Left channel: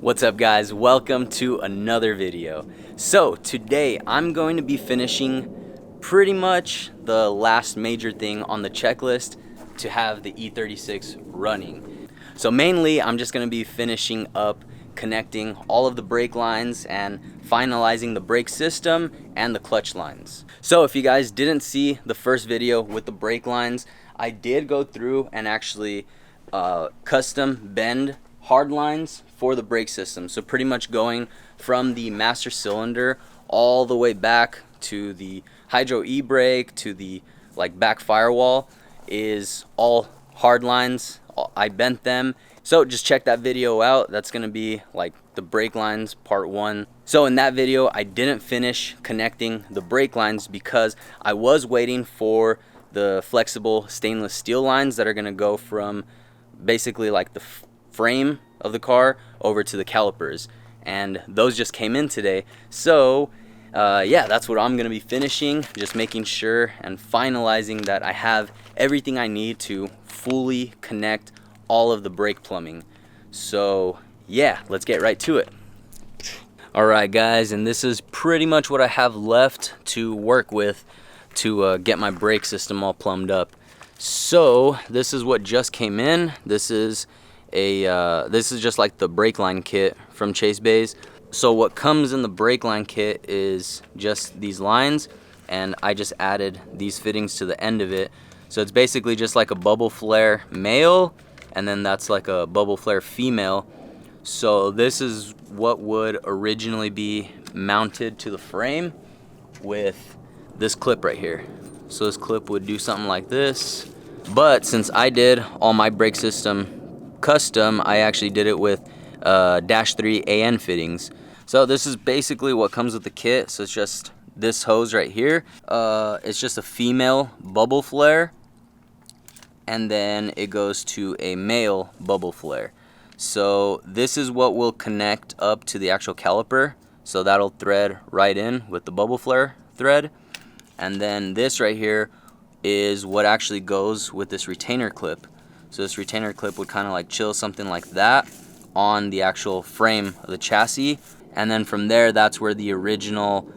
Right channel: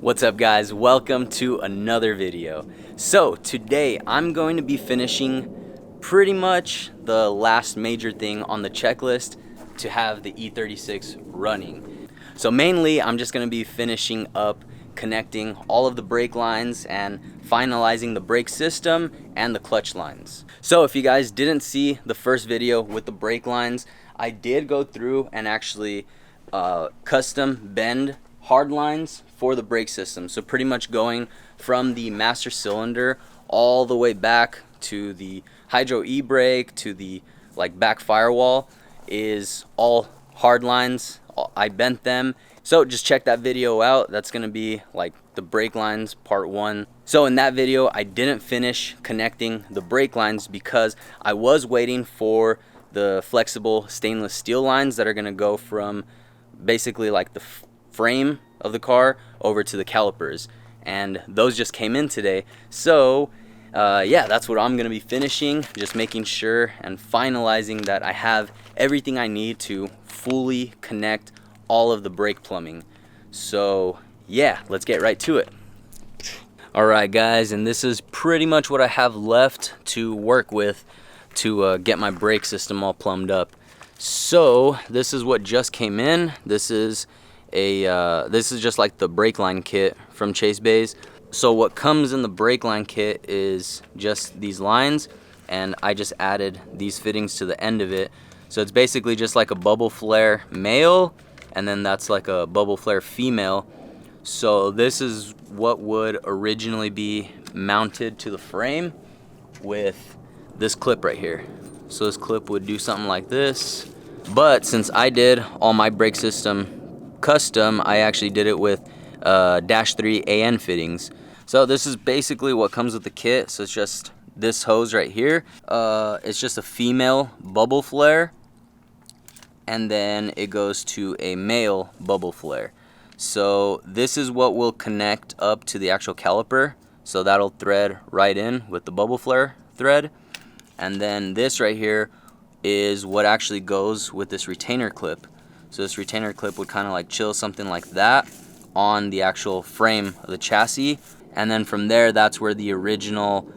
What's up guys, welcome to another video. So today I'm going to be finishing pretty much the last major thing on the checklist to have the E36 running. So mainly I'm just going to be finishing up connecting all of the brake lines and finalizing the brake system and the clutch lines. So if you guys didn't see the first video with the brake lines, I did go through and actually custom bend hard lines for the brake system. So pretty much going from the master cylinder all the way back to the hydro e-brake to the back firewall is all hard lines. I bent them. So just check that video out. That's gonna be like the brake lines part 1. So in that video I didn't finish connecting the brake lines because I was waiting for the flexible stainless steel lines that are gonna go from basically like the frame of the car over to the calipers, and those just came in today. So yeah, that's what I'm gonna be finishing, just making sure and finalizing that I have everything I need to fully connect all of the brake plumbing. So yeah, let's get right to it. Alright guys, and this is pretty much what I have left to work with to get my brake system all plumbed up. So this is what just came in. This is just like the brake line kit from Chase Bays. So what comes in the brake line kit is just these lines, and I just added these fittings to the end of it. So it's basically just like a bubble flare male, and then that's like a bubble flare female. So this is what would originally be mounted to the frame with this clip right here. So this clip would do something like this, but since I did all my brake system custom, I actually did it with -3 AN fittings. So this is basically what comes with the kit. So it's just this hose right here. It's just a female bubble flare, and then it goes to a male bubble flare. So this is what will connect up to the actual caliper. So that'll thread right in with the bubble flare thread. And then this right here is what actually goes with this retainer clip. So this retainer clip would kind of like chill something like that on the actual frame of the chassis. And then from there, that's where the original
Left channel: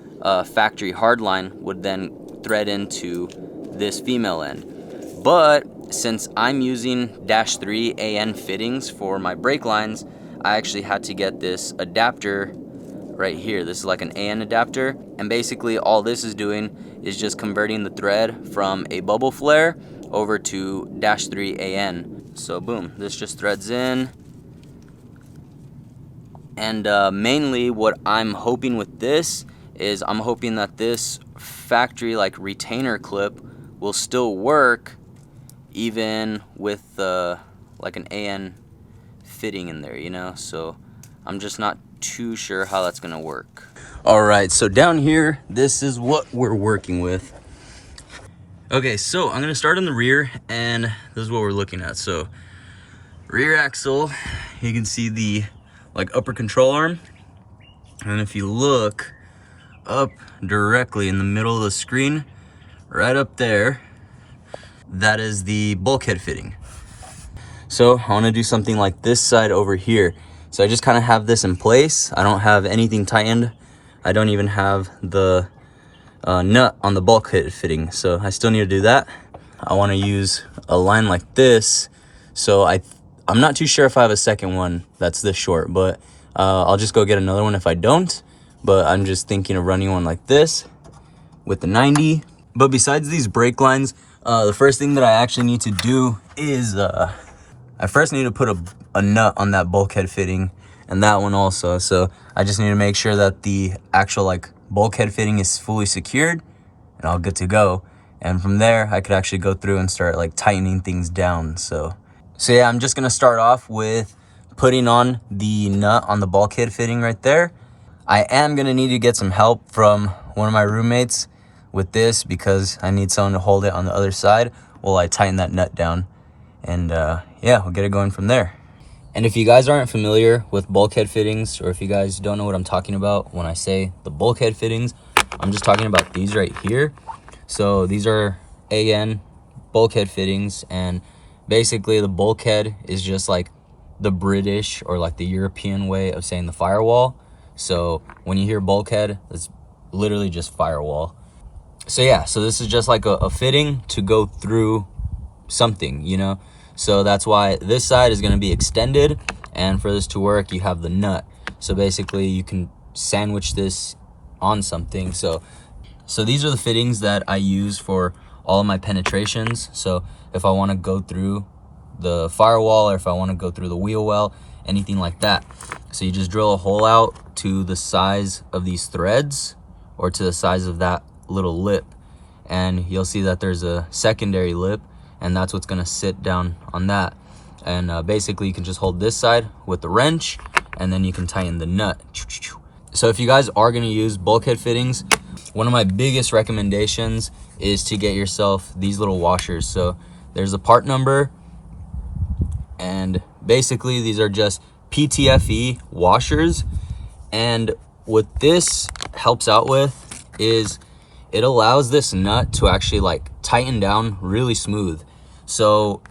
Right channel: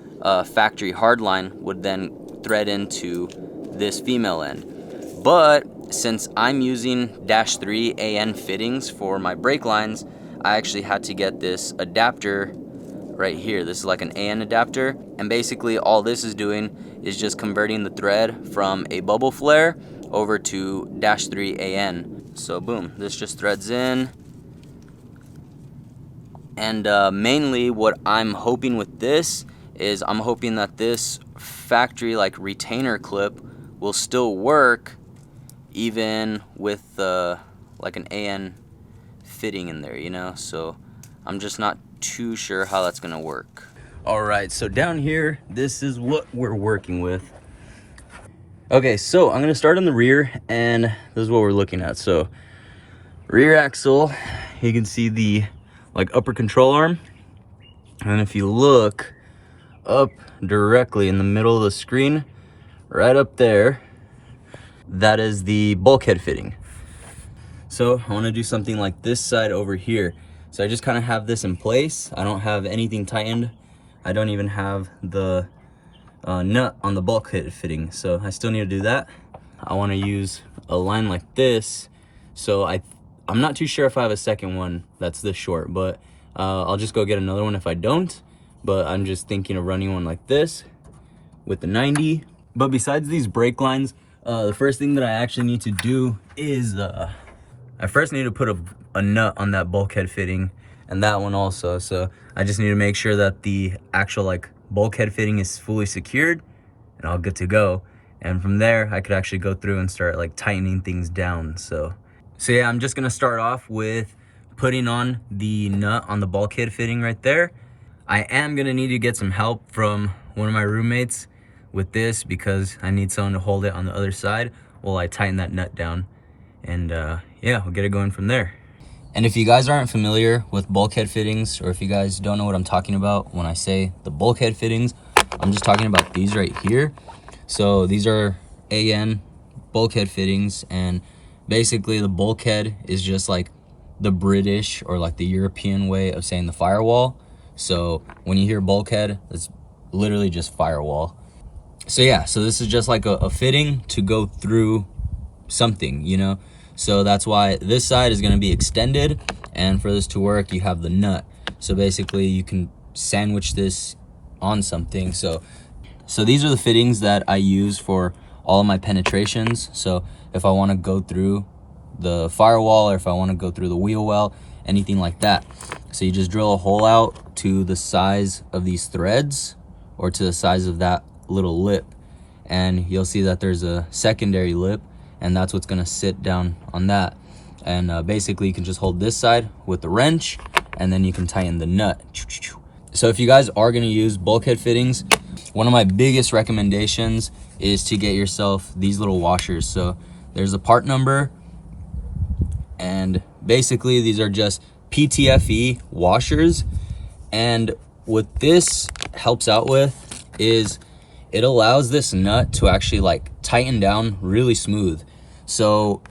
factory hardline would then thread into this female end. But since I'm using -3 AN fittings for my brake lines, I actually had to get this adapter right here. This is like an AN adapter, and basically all this is doing is just converting the thread from a bubble flare over to -3 AN. So boom, this just threads in. And mainly what I'm hoping with this is I'm hoping that this factory retainer clip will still work even with like an AN fitting in there, you know. So I'm just not too sure how that's gonna work. All right, so down here, this is what we're working with. Okay, so I'm gonna start in the rear, and this is what we're looking at. So rear axle, you can see the upper control arm, and if you look up directly in the middle of the screen, right up there, that is the bulkhead fitting. So I want to do something like this side over here. So I just kind of have this in place. I don't have anything tightened. I don't even have the nut on the bulkhead fitting. So I still need to do that. I want to use a line like this. So I'm not too sure if I have a second one that's this short, but I'll just go get another one if I don't. But I'm just thinking of running one like this with the 90. But besides these brake lines, the first thing that I actually need to do is I first need to put a nut on that bulkhead fitting, and that one also. So I just need to make sure that the actual bulkhead fitting is fully secured and all good to go. And from there, I could actually go through and start tightening things down. So yeah, I'm just gonna start off with putting on the nut on the bulkhead fitting right there. I am gonna need to get some help from one of my roommates with this because I need someone to hold it on the other side while I tighten that nut down. And yeah, we'll get it going from there. And if you guys aren't familiar with bulkhead fittings, or if you guys don't know what I'm talking about when I say the bulkhead fittings, I'm just talking about these right here. So these are AN bulkhead fittings, and basically the bulkhead is just like the British or like the European way of saying the firewall. So when you hear bulkhead, it's literally just firewall. So yeah, so this is just like a fitting to go through something, you know? So that's why this side is gonna be extended, and for this to work, you have the nut. So basically you can sandwich this on something. So these are the fittings that I use for all of my penetrations. So if I wanna go through the firewall, or if I wanna go through the wheel well, anything like that. So you just drill a hole out to the size of these threads, or to the size of that little lip, and you'll see that there's a secondary lip, and that's what's gonna sit down on that. And basically you can just hold this side with the wrench, and then you can tighten the nut. So if you guys are gonna use bulkhead fittings, one of my biggest recommendations is to get yourself these little washers. So there's a part number, and basically these are just PTFE washers. And what this helps out with is it allows this nut to actually like tighten down really smooth. So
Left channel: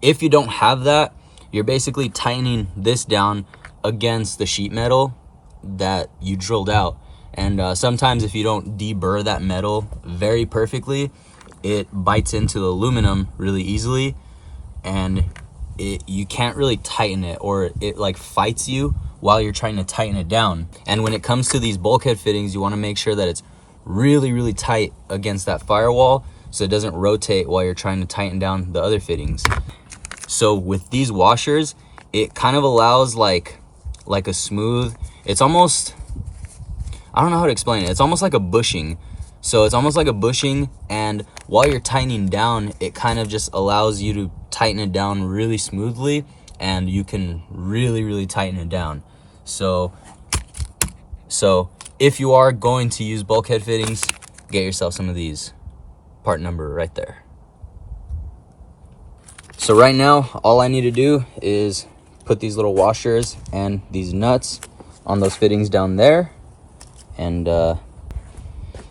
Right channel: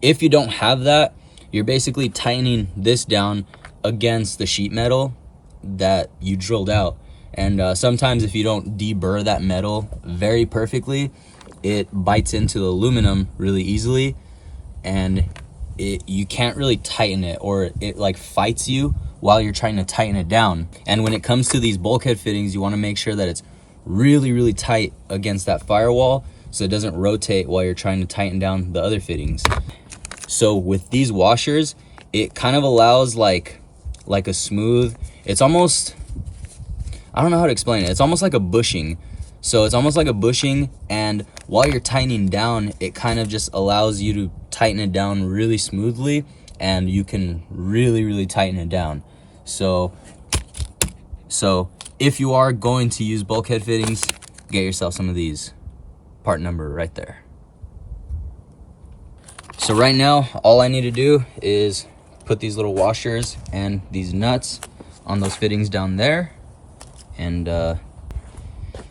if you don't have that, you're basically tightening this down against the sheet metal that you drilled out. And sometimes if you don't deburr that metal very perfectly, it bites into the aluminum really easily, and you can't really tighten it, or it like fights you while you're trying to tighten it down. And when it comes to these bulkhead fittings, you want to make sure that it's really tight against that firewall, so it doesn't rotate while you're trying to tighten down the other fittings. So with these washers, it kind of allows like a smooth, it's almost, I don't know how to explain it. It's almost like a bushing. So it's almost like a bushing, and while you're tightening down, it kind of just allows you to tighten it down really smoothly, and you can really tighten it down. So if you are going to use bulkhead fittings, get yourself some of these. Part number right there. So right now, all I need to do is put these little washers and these nuts on those fittings down there, and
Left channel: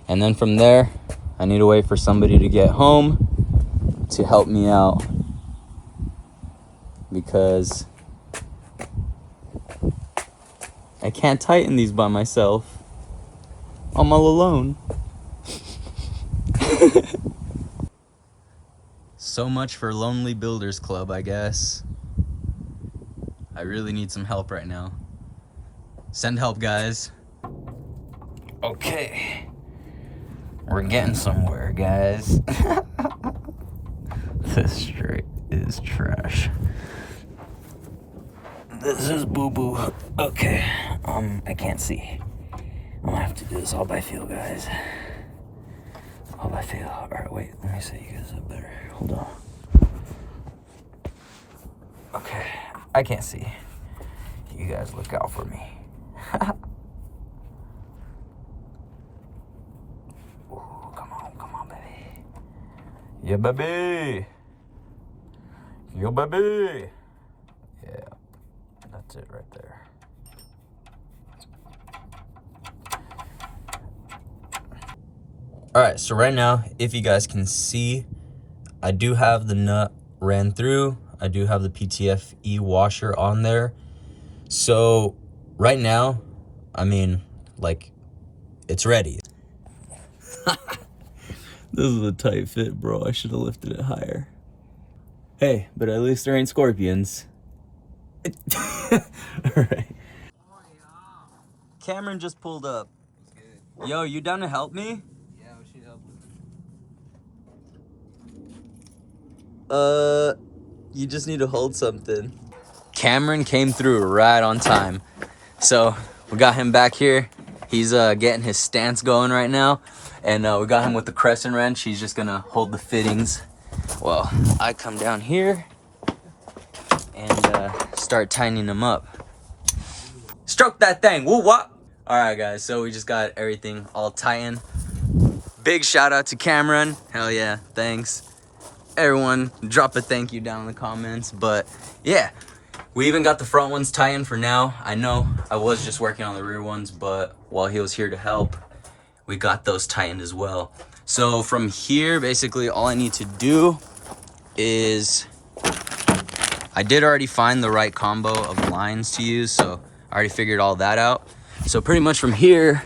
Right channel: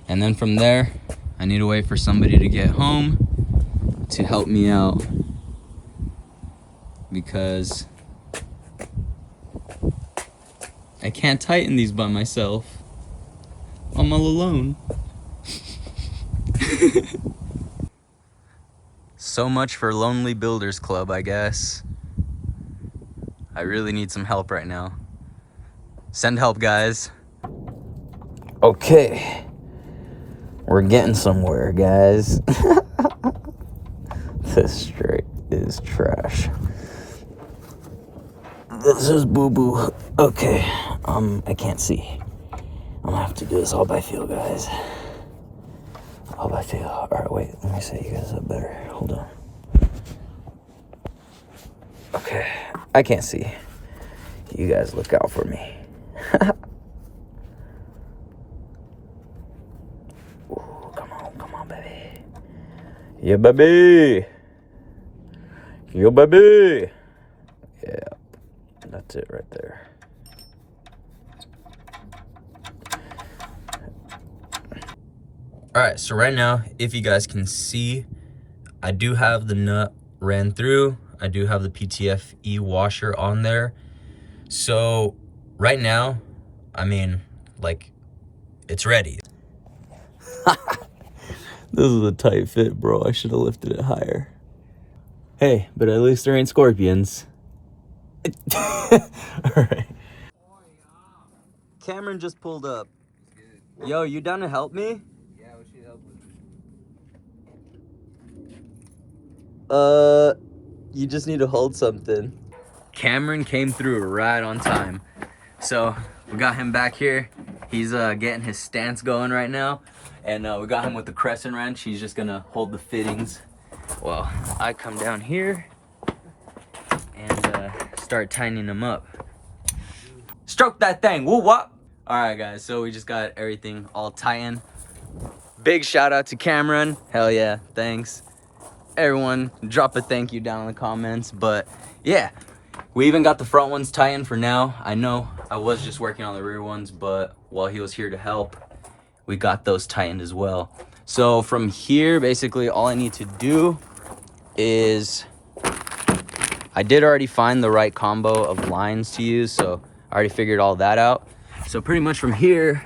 then from there, I need to wait for somebody to get home to help me out, because I can't tighten these by myself. I'm all alone. So much for Lonely Builders Club, I guess. I really need some help right now. Send help, guys. Okay. We're getting somewhere, guys. This straight is trash. This is boo-boo. Okay. I can't see. I'm gonna have to do this all by feel, guys. All by feel. Alright, wait. Let me set you guys up better. Hold on. Okay. I can't see. You guys look out for me. Ooh, come on, baby. Yeah, baby. Yeah, baby. Yeah. That's it right there. All right, so right now, if you guys can see, I do have the nut ran through. I do have the PTFE washer on there. So right now, I mean, like, it's ready. This is a tight fit, bro. I should have lifted it higher. Hey, but at least there ain't scorpions. All right. Cameron just pulled up. Yo, you down to help me? Yeah, we should help. You just need to hold something. Cameron came through right on time. So we got him back here. He's getting his stance going right now. And we got him with the crescent wrench. He's just gonna hold the fittings. Well, I come down here and start tightening them up. Stroke that thing, woo wop. All right, guys, so we just got everything all tightened. Big shout out to Cameron. Hell yeah, thanks. Everyone, drop a thank you down in the comments. But yeah, we even got the front ones tightened for now. I know I was just working on the rear ones, but while he was here to help, we got those tightened as well. So from here, basically all I need to do is I did already find the right combo of lines to use, so I already figured all that out. So pretty much from here,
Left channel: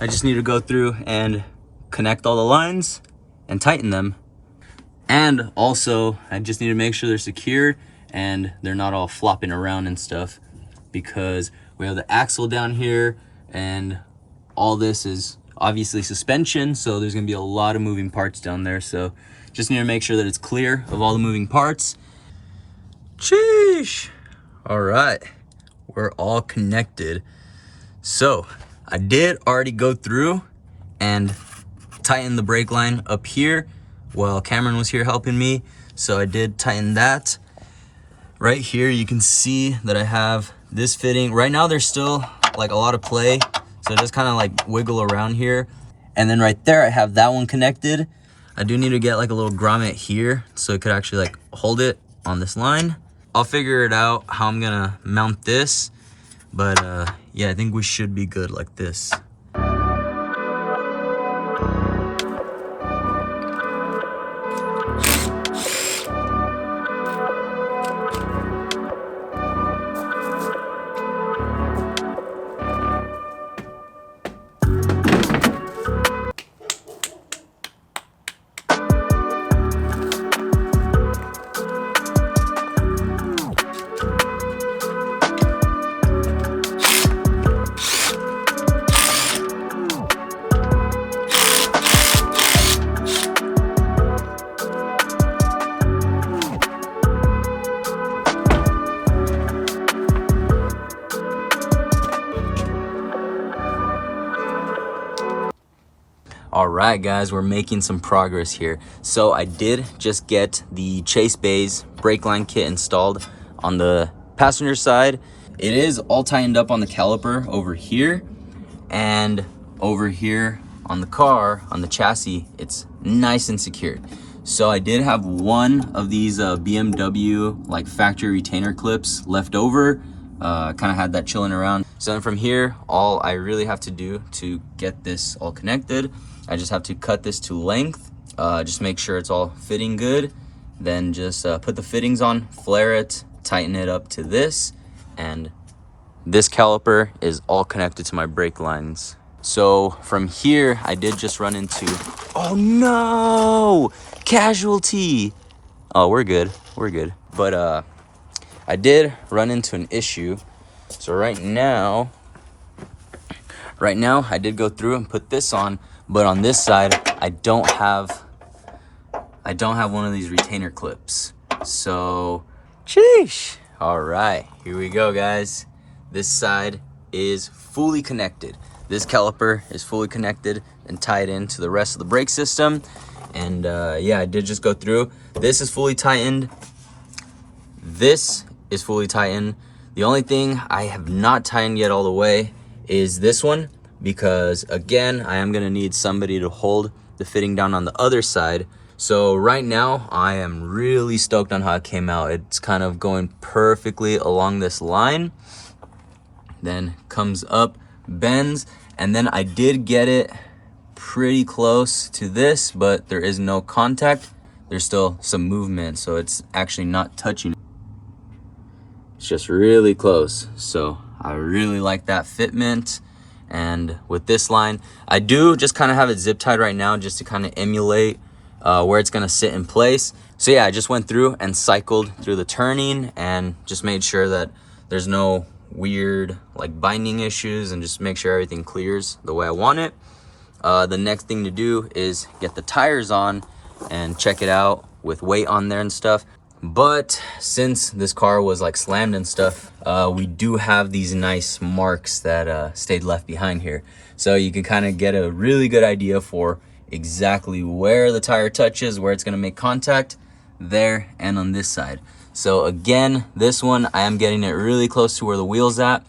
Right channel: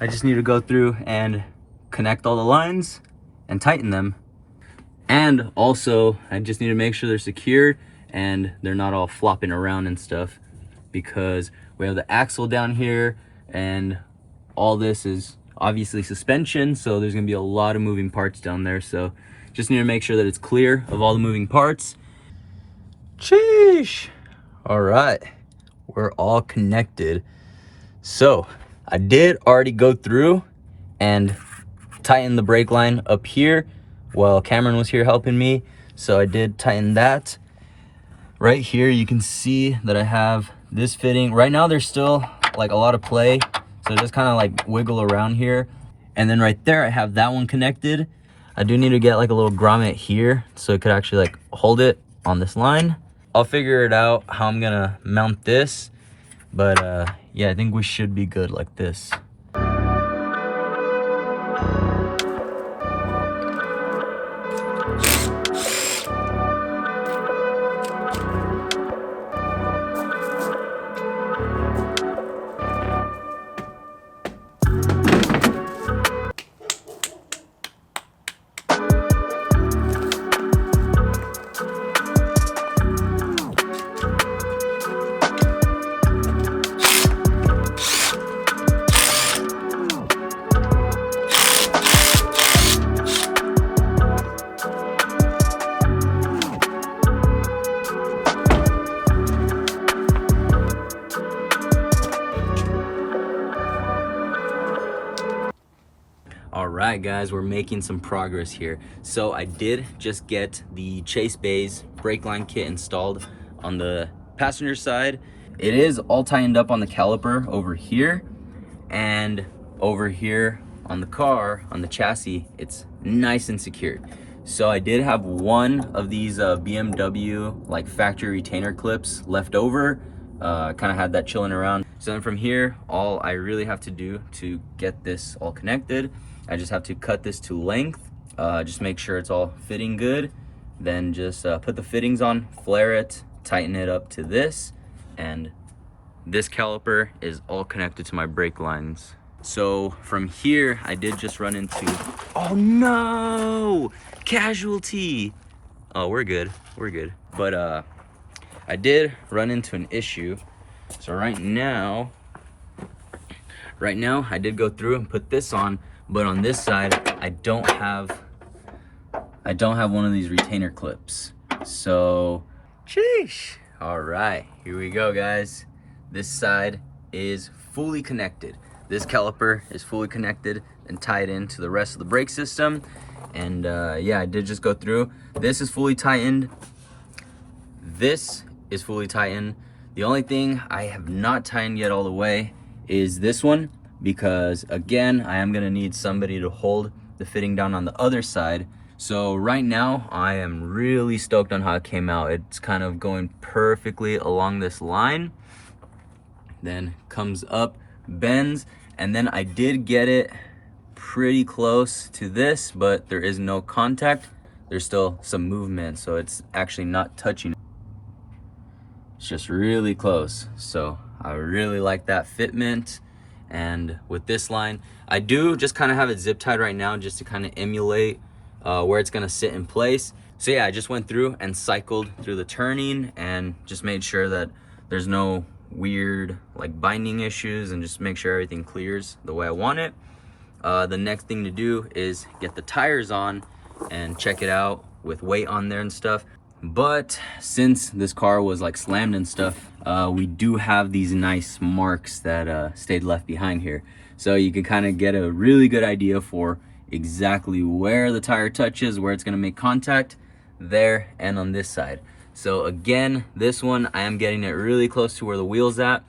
I just need to go through and connect all the lines and tighten them. And also, I just need to make sure they're secured and they're not all flopping around and stuff, because we have the axle down here and all this is obviously suspension, so there's gonna be a lot of moving parts down there. So just need to make sure that it's clear of all the moving parts. Sheesh. All right, we're all connected. So I did already go through and tighten the brake line up here while Cameron was here helping me. So I did tighten that. Right here, you can see that I have this fitting. Right now, there's still like a lot of play, so just kind of like wiggle around here. And then right there, I have that one connected. I do need to get like a little grommet here so it could actually like hold it on this line. I'll figure it out how I'm gonna mount this, but yeah, I think we should be good like this. All right, guys, we're making some progress here. So I did just get the Chase Bays brake line kit installed on the passenger side. It is all tightened up on the caliper over here, and over here on the car, on the chassis, it's nice and secured. So I did have one of these BMW like factory retainer clips left over. Kind of had that chilling around. So then from here, all I really have to do to get this all connected, I just have to cut this to length, just make sure it's all fitting good. Then just put the fittings on, flare it, tighten it up to this, and this caliper is all connected to my brake lines. So from here, I did just run into, oh no, casualty. Oh, we're good, we're good. But I did run into an issue. So right now I did go through and put this on, but on this side, I don't have one of these retainer clips. So, sheesh. All right, here we go, guys. This side is fully connected. This caliper is fully connected and tied into the rest of the brake system. And yeah, I did just go through. This is fully tightened. This is fully tightened. The only thing I have not tightened yet all the way is this one, because again, I am gonna need somebody to hold the fitting down on the other side. So right now, I am really stoked on how it came out. It's kind of going perfectly along this line, then comes up, bends, and then I did get it pretty close to this, but there is no contact. There's still some movement, so it's actually not touching. It's just really close. So I really like that fitment. And with this line, I do just kind of have it zip tied right now just to kind of emulate where it's gonna sit in place. So yeah, I just went through and cycled through the turning and just made sure that there's no weird like binding issues, and just make sure everything clears the way I want it. The next thing to do is get the tires on and check it out with weight on there and stuff. But since this car was like slammed and stuff, we do have these nice marks that stayed left behind here. So you can kind of get a really good idea for exactly where the tire touches, where it's going to make contact, there and on this side. So again, this one, I am getting it really close to where the wheel's at.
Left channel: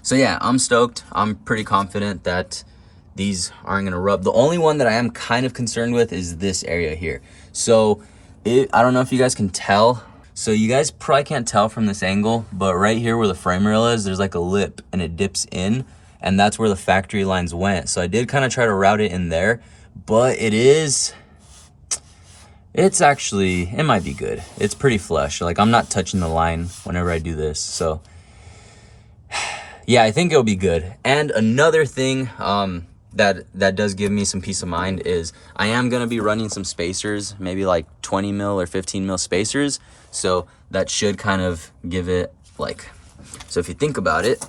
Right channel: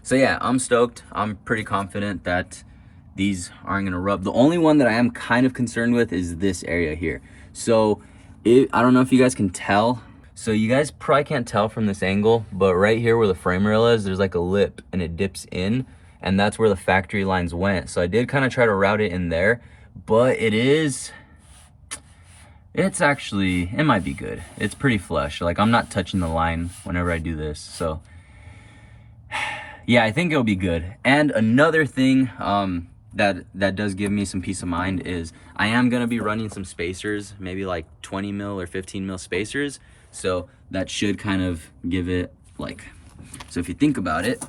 So yeah, I'm stoked. I'm pretty confident that these aren't going to rub. The only one that I am kind of concerned with is this area here. So I don't know if you guys can tell. So you guys probably can't tell from this angle, but right here where the frame rail is, there's like a lip and it dips in, and that's where the factory lines went. So I did kind of try to route it in there, but it's It's actually, it might be good. It's pretty flush. Like, I'm not touching the line whenever I do this. So, yeah, I think it'll be good. And another thing that does give me some peace of mind is I am going to be running some spacers, maybe like 20 mil or 15 mil spacers. So that should kind of give it like, so if you think about it,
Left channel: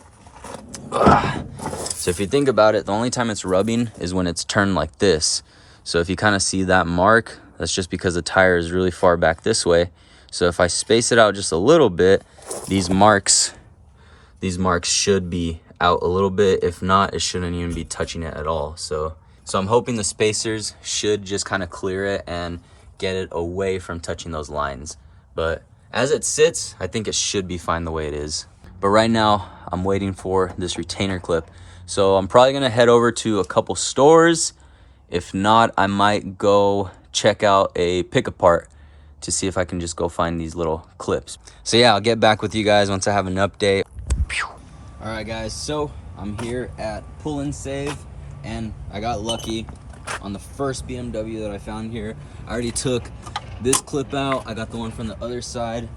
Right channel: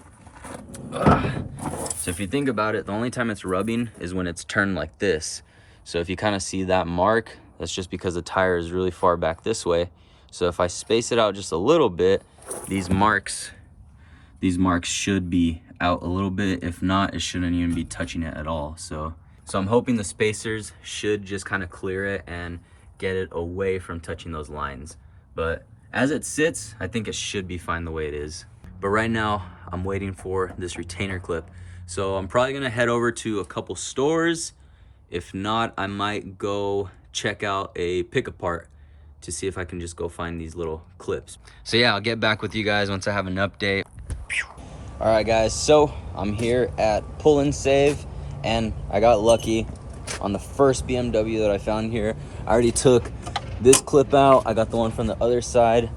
the only time it's rubbing is when it's turned like this. So if you kind of see that mark, that's just because the tire is really far back this way. So if I space it out just a little bit, these marks should be out a little bit. If not, it shouldn't even be touching it at all. So I'm hoping the spacers should just kind of clear it and get it away from touching those lines. But as it sits, I think it should be fine the way it is. But right now, I'm waiting for this retainer clip. So I'm probably gonna head over to a couple stores. If not, I might go check out a pick apart to see if I can just go find these little clips. So yeah, I'll get back with you guys once I have an update. All right guys, so I'm here at Pull and Save, and I got lucky on the first BMW that I found here. I already took this clip out. I got the one from the other side.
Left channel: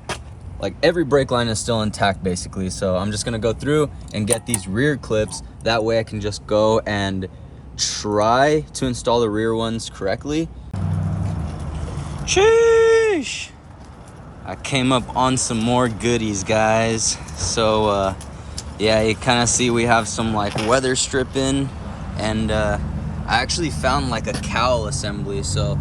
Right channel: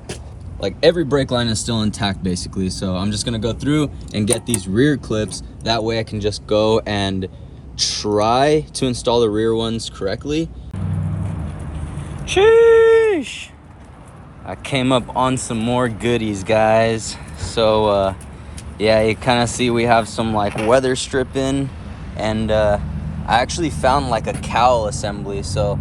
Like, every brake line is still intact basically. So I'm just gonna go through and get these rear clips. That way I can just go and try to install the rear ones correctly. Sheesh! I came up on some more goodies, guys. So yeah, you kind of see we have some like weather stripping, and I actually found like a cowl assembly. So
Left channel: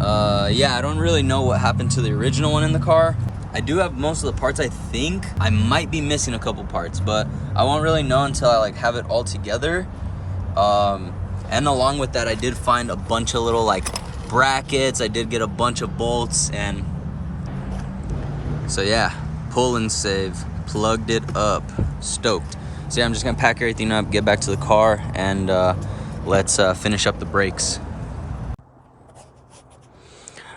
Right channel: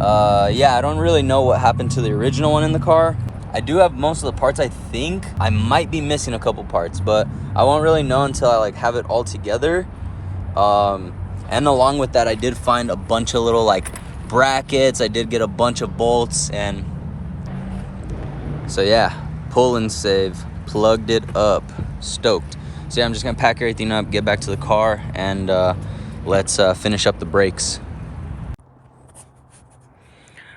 yeah, I don't really know what happened to the original one in the car. I do have most of the parts. I think I might be missing a couple parts, but I won't really know until I like have it all together. And along with that, I did find a bunch of little like brackets. I did get a bunch of bolts, and so yeah, Pull and Save, plugged it up, stoked. So yeah, I'm just gonna pack everything up, get back to the car, and let's finish up the brakes.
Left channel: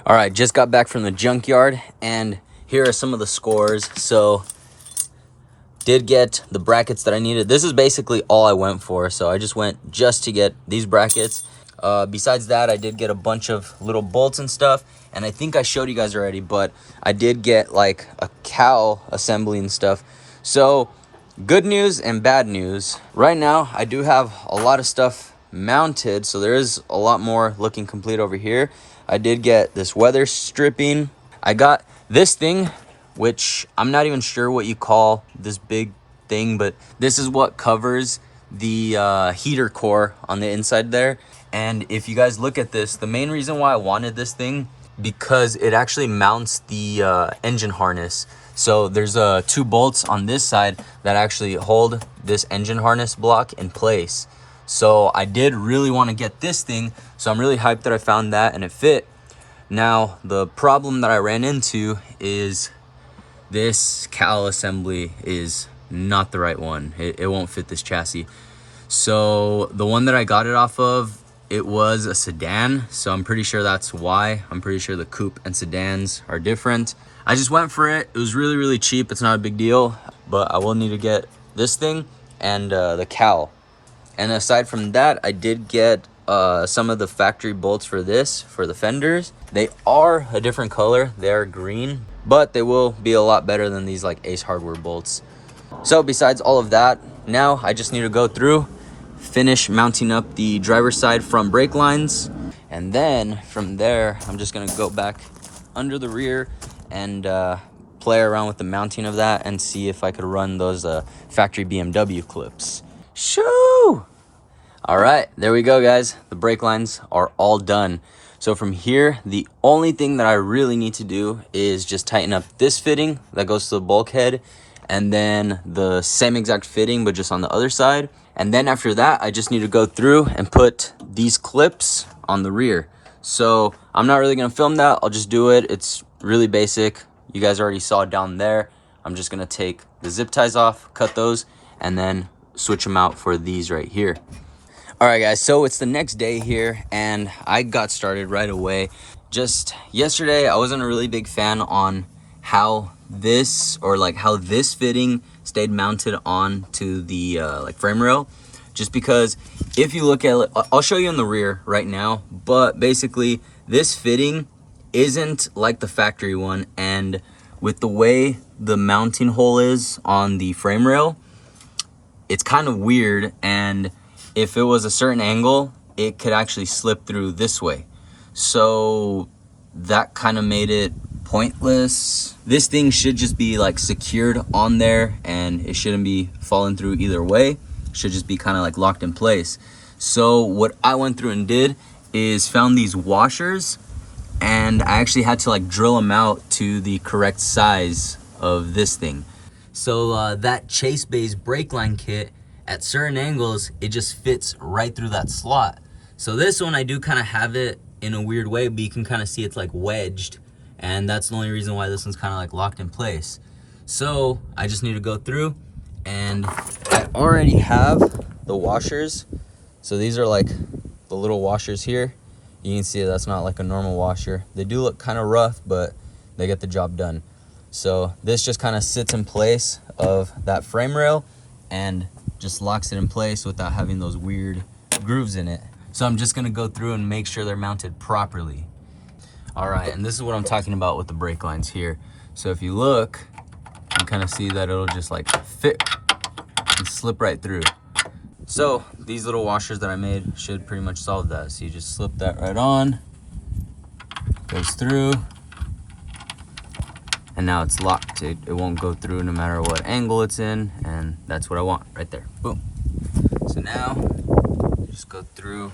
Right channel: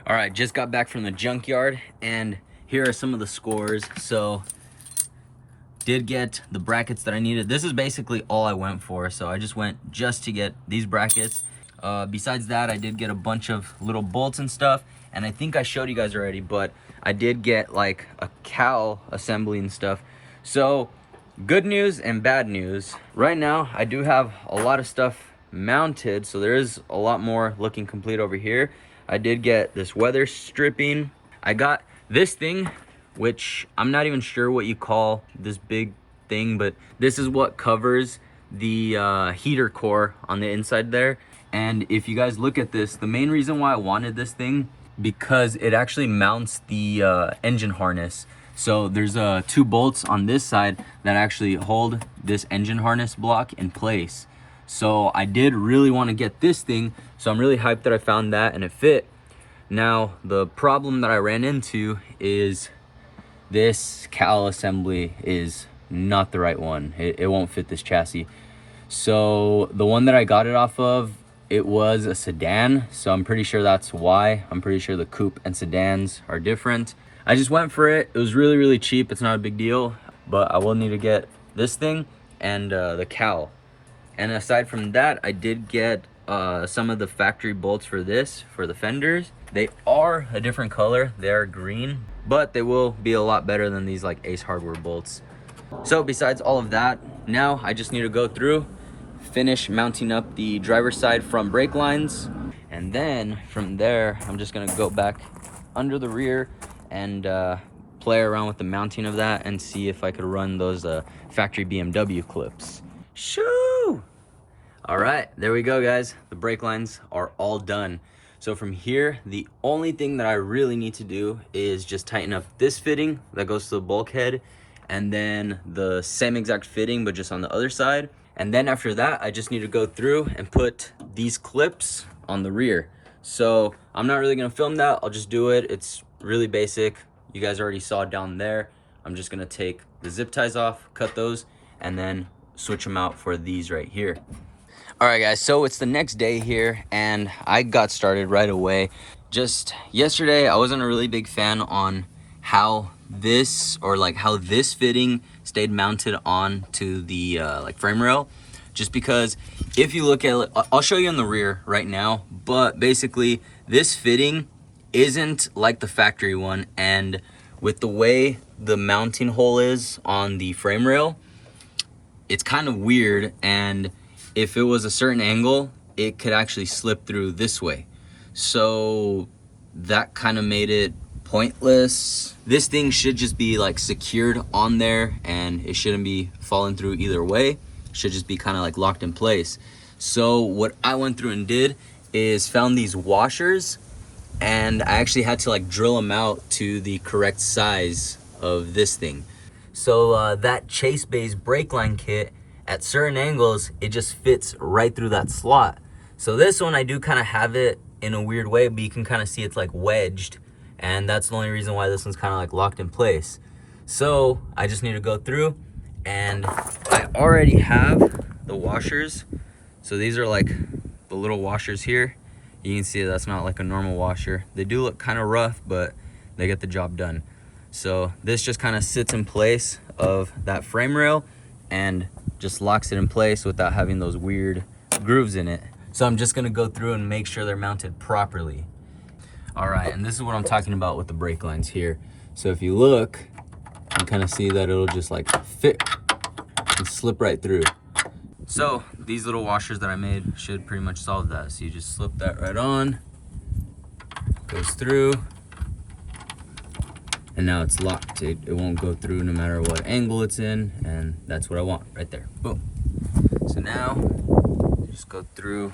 All right, just got back from the junkyard, and here are some of the scores. So did get the brackets that I needed. This is basically all I went for. So I just went just to get these brackets. Besides that, I did get a bunch of little bolts and stuff. And I think I showed you guys already, but I did get like a cowl assembly and stuff. So good news and bad news. Right now, I do have a lot of stuff mounted. So there is a lot more looking complete over here. I did get this weather stripping. I got this thing, which I'm not even sure what you call this big thing, but this is what covers the heater core on the inside there. And if you guys look at this, the main reason why I wanted this thing, because it actually mounts the engine harness. So there's 2 bolts on this side that actually hold this engine harness block in place. So I did really want to get this thing. So I'm really hyped that I found that and it fit. Now, the problem that I ran into is this cowl assembly is not the right one. It won't fit this chassis. So the one that I got it off of, it was a sedan. So I'm pretty sure that's why. I'm pretty sure the coupe and sedans are different. I just went for it. It was really, really cheap. It's not a big deal, but I will need to get this thing and the cowl. And aside from that, I did get some of the factory bolts for this, for the fenders. They are a different color. They are green, but they will be a lot better than these like Ace Hardware bolts. So besides all of that, now I just need to go through, finish mounting up the driver's side front brake lines. And then from there, I'm just gonna go back under the rear and play around with the mounting of that and see if I could run those factory BMW clips. Shoo! All right, there we go, guys. The brake lines are all done. So from here, the only thing that I really need to do is just tighten up this fitting that goes to the bulkhead, and then the same exact fitting, but just on the other side. And then after that, I just need to go through and put these clips on the rear. So I'm not really gonna film that. I'll just do it. It's really basic. You guys already saw it down there. I'm just gonna take the zip ties off, cut those, and then switch them out for these right here. All right, guys, so it's the next day here, and I got started right away. Just yesterday, I wasn't a really big fan on how this fitting stayed mounted on to the like frame rail, just because if you look at it, I'll show you on the rear right now, but basically this fitting isn't like the factory one, and with the way the mounting hole is on the frame rail, it's kind of weird, and if it was a certain angle, it could actually slip through this way. So that kind of made it pointless. This thing should just be like secured on there, and it shouldn't be falling through either way. It should just be kind of like locked in place. So what I went through and did is found these washers, and I actually had to like drill them out to the correct size of this thing. So that Chase Bay's brake line kit, at certain angles, it just fits right through that slot. So this one, I do kind of have it in a weird way, but you can kind of see it's like wedged, and that's the only reason why this one's kind of like locked in place. So I just need to go through, and I already have the washers. So these are like the little washers here. You can see that's not like a normal washer. They do look kind of rough, but they get the job done. So this just kind of sits in place of that frame rail and just locks it in place without having those weird grooves in it. So I'm just gonna go through and make sure they're mounted properly. All right, and this is what I'm talking about with the brake lines here. So if you look, you kind of see that it'll just like fit and slip right through. So these little washers that I made should pretty much solve that. So you just slip that right on, goes through, and now it's locked. It won't go through no matter what angle it's in, and that's what I want right there. Boom. So now just go through.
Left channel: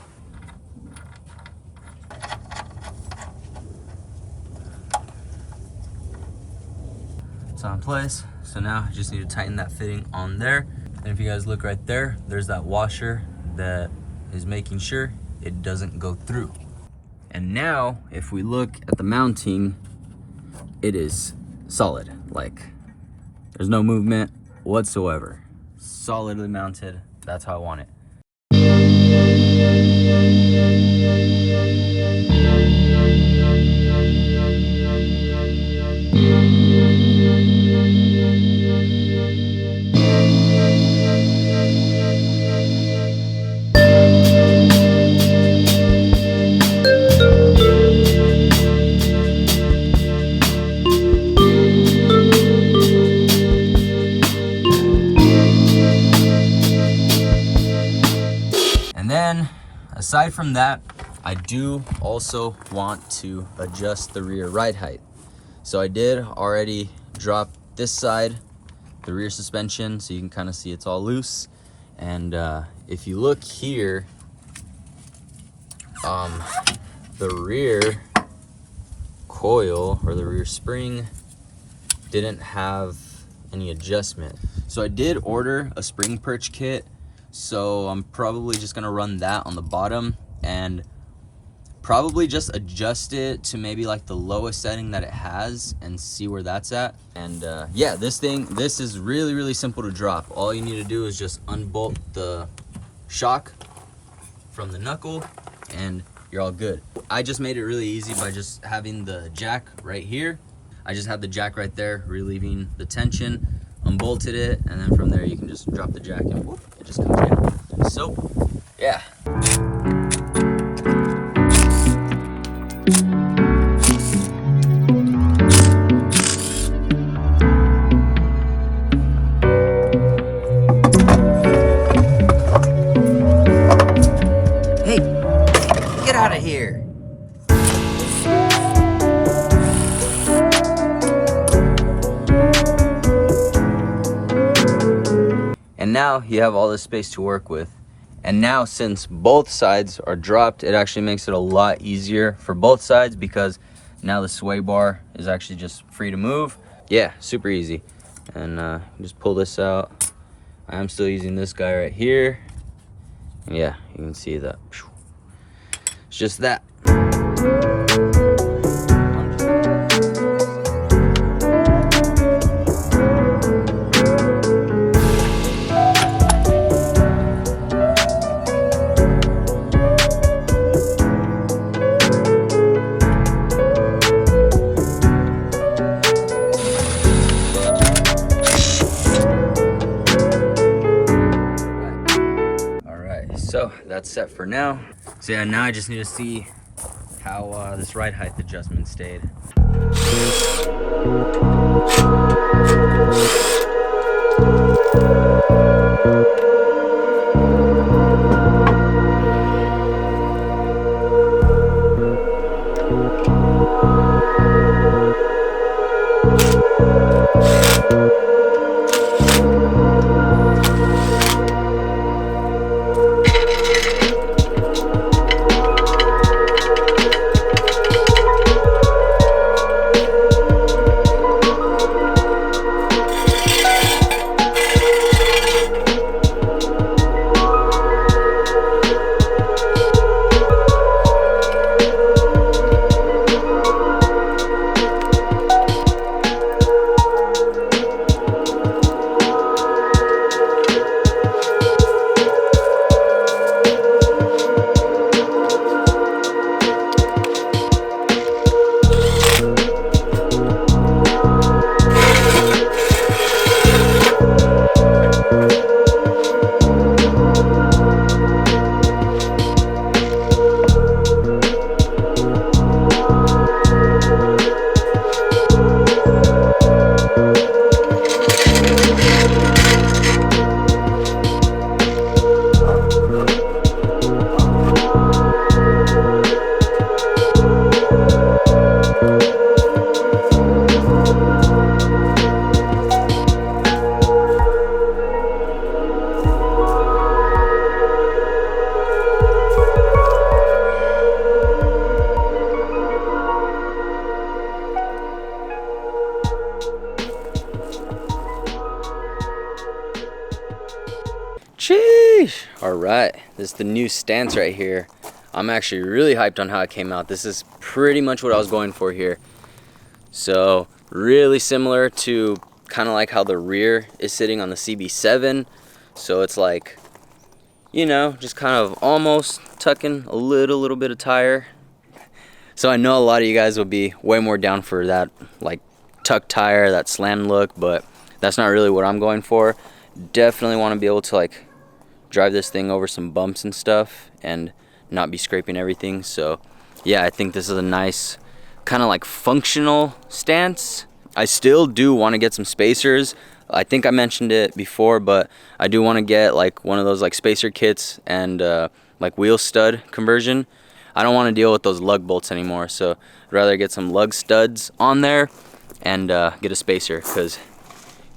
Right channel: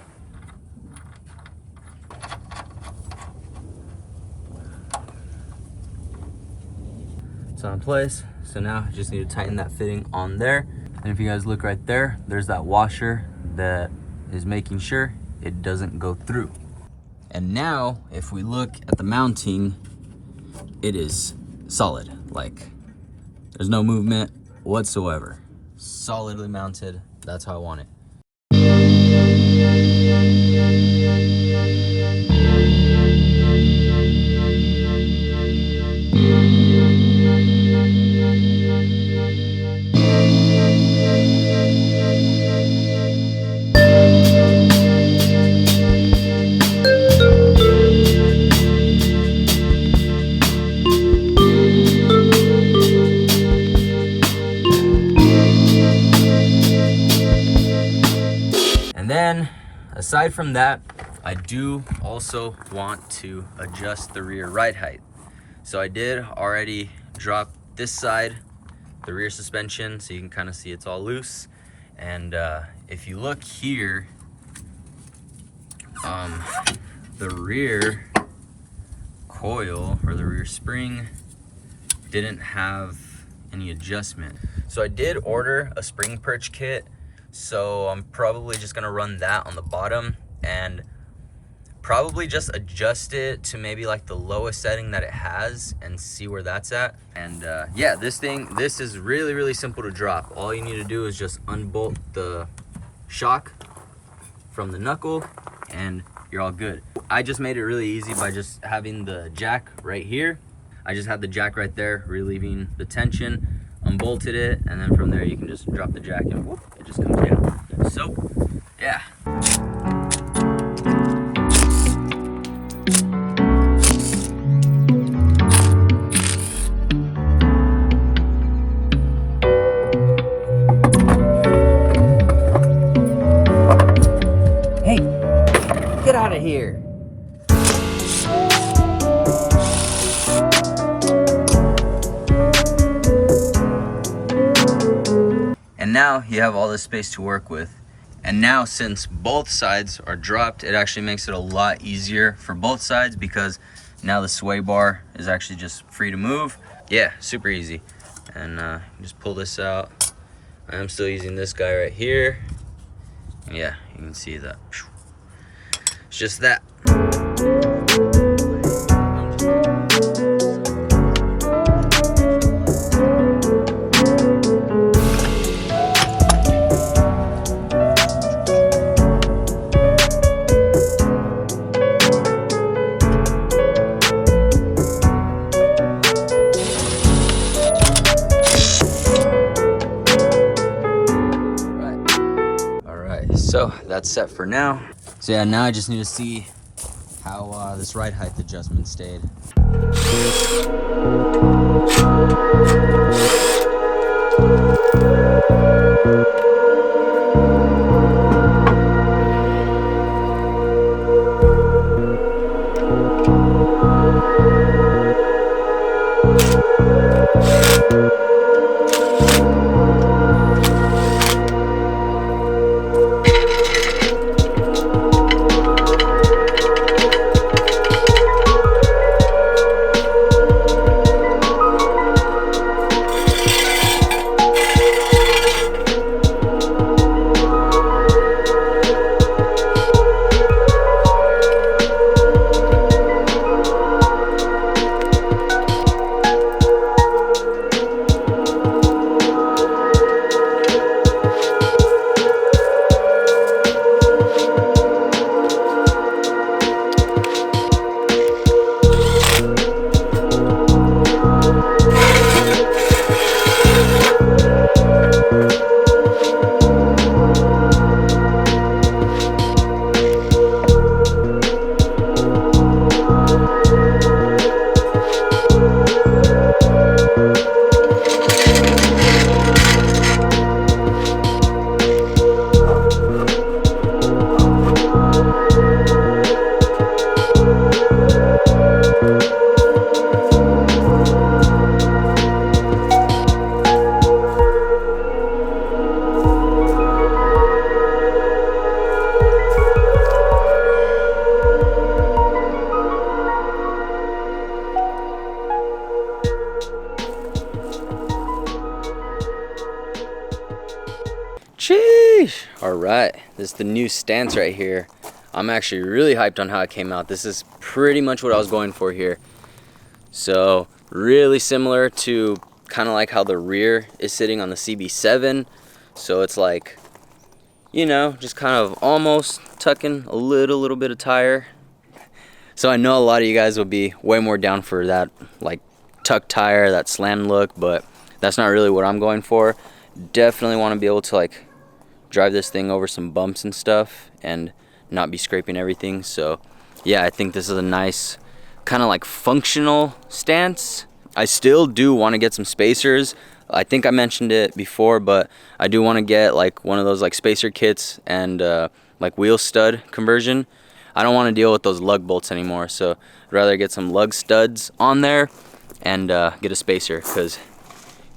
It's on place. So now I just need to tighten that fitting on there. And if you guys look right there, there's that washer that is making sure it doesn't go through. And now if we look at the mounting, it is solid. Like, there's no movement whatsoever. Solidly mounted. That's how I want it. Aside from that, I do also want to adjust the rear ride height. So I did already drop this side, the rear suspension, so you can kind of see it's all loose. And if you look here, the rear coil or the rear spring didn't have any adjustment. So I did order a spring perch kit. So I'm probably just gonna run that on the bottom and probably just adjust it to maybe like the lowest setting that it has and see where that's at. And yeah, this is really simple to drop. All you need to do is just unbolt the shock from the knuckle and you're all good. I just made it really easy by just having the jack right here. I just had the jack right there, relieving the tension, unbolted it, and then from there you can just drop the jack and whoop, it just comes in. So yeah. Hey, get out of here. And now you have all this space to work with. And now since both sides are dropped, it actually makes it a lot easier for both sides because now the sway bar is actually just free to move. Yeah, super easy. And just pull this out. I'm still using this guy right here. Yeah, you can see that. It's just that. So that's set for now. So yeah, now I just need to see how this ride height adjustment stayed. Sheesh! Alright, this is the new stance right here. I'm actually really hyped on how it came out. This is pretty much what I was going for here. So, really similar to kind of like how the rear is sitting on the CB7. So it's like, you know, just kind of almost tucking a little bit of tire. So I know a lot of you guys will be way more down for that like tuck tire, that slam look, but that's not really what I'm going for. Definitely want to be able to like drive this thing over some bumps and stuff and not be scraping everything. So yeah, I think this is a nice kind of like functional stance. I still do want to get some spacers. I think I mentioned it before, but I do want to get like one of those like spacer kits and like wheel stud conversion. I don't want to deal with those lug bolts anymore, so I'd rather get some lug studs on there and get a spacer, because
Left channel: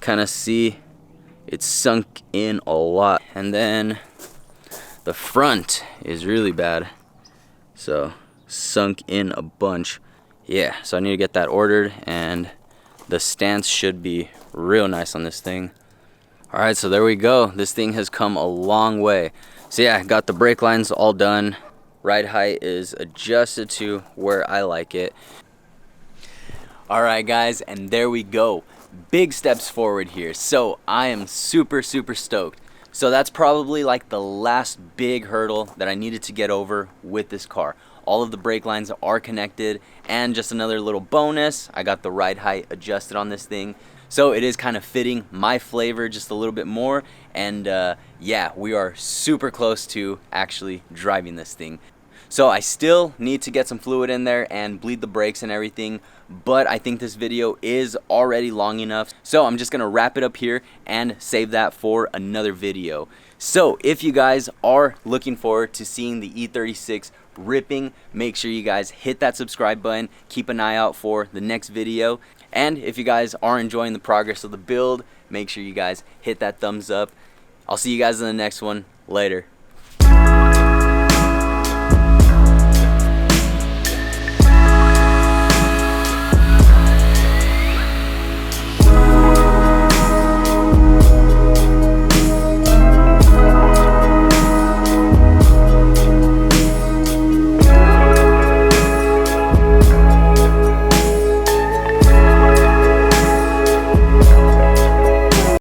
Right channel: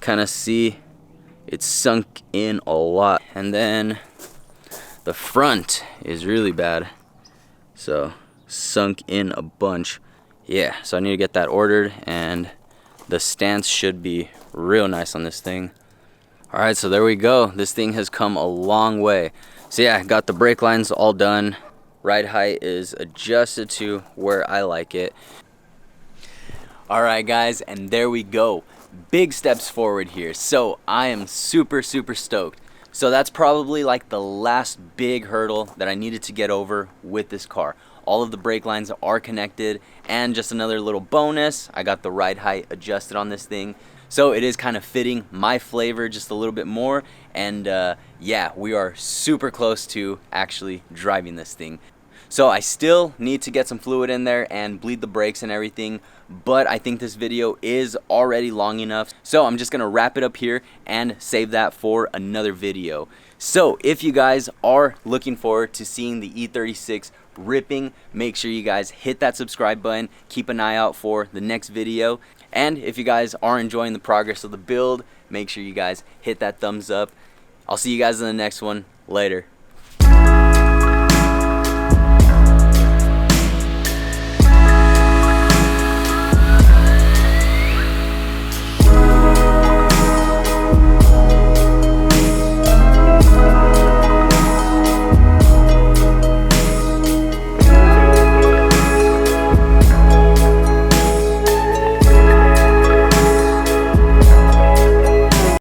kind of see it's sunk in a lot. And then the front is really bad, so sunk in a bunch. Yeah, so I need to get that ordered, and the stance should be real nice on this thing. All right, so there we go. This thing has come a long way. So yeah, got the brake lines all done. Ride height is adjusted to where I like it. All right guys, and there we go. Big steps forward here. So I am super stoked. So that's probably like the last big hurdle that I needed to get over with this car. All of the brake lines are connected, and just another little bonus, I got the ride height adjusted on this thing. So it is kind of fitting my flavor just a little bit more, and yeah, we are super close to actually driving this thing. So I still need to get some fluid in there and bleed the brakes and everything, but I think this video is already long enough. So I'm just gonna wrap it up here and save that for another video. So if you guys are looking forward to seeing the E36 ripping, make sure you guys hit that subscribe button, keep an eye out for the next video. And if you guys are enjoying the progress of the build, make sure you guys hit that thumbs up. I'll see you guys in the next one. Later.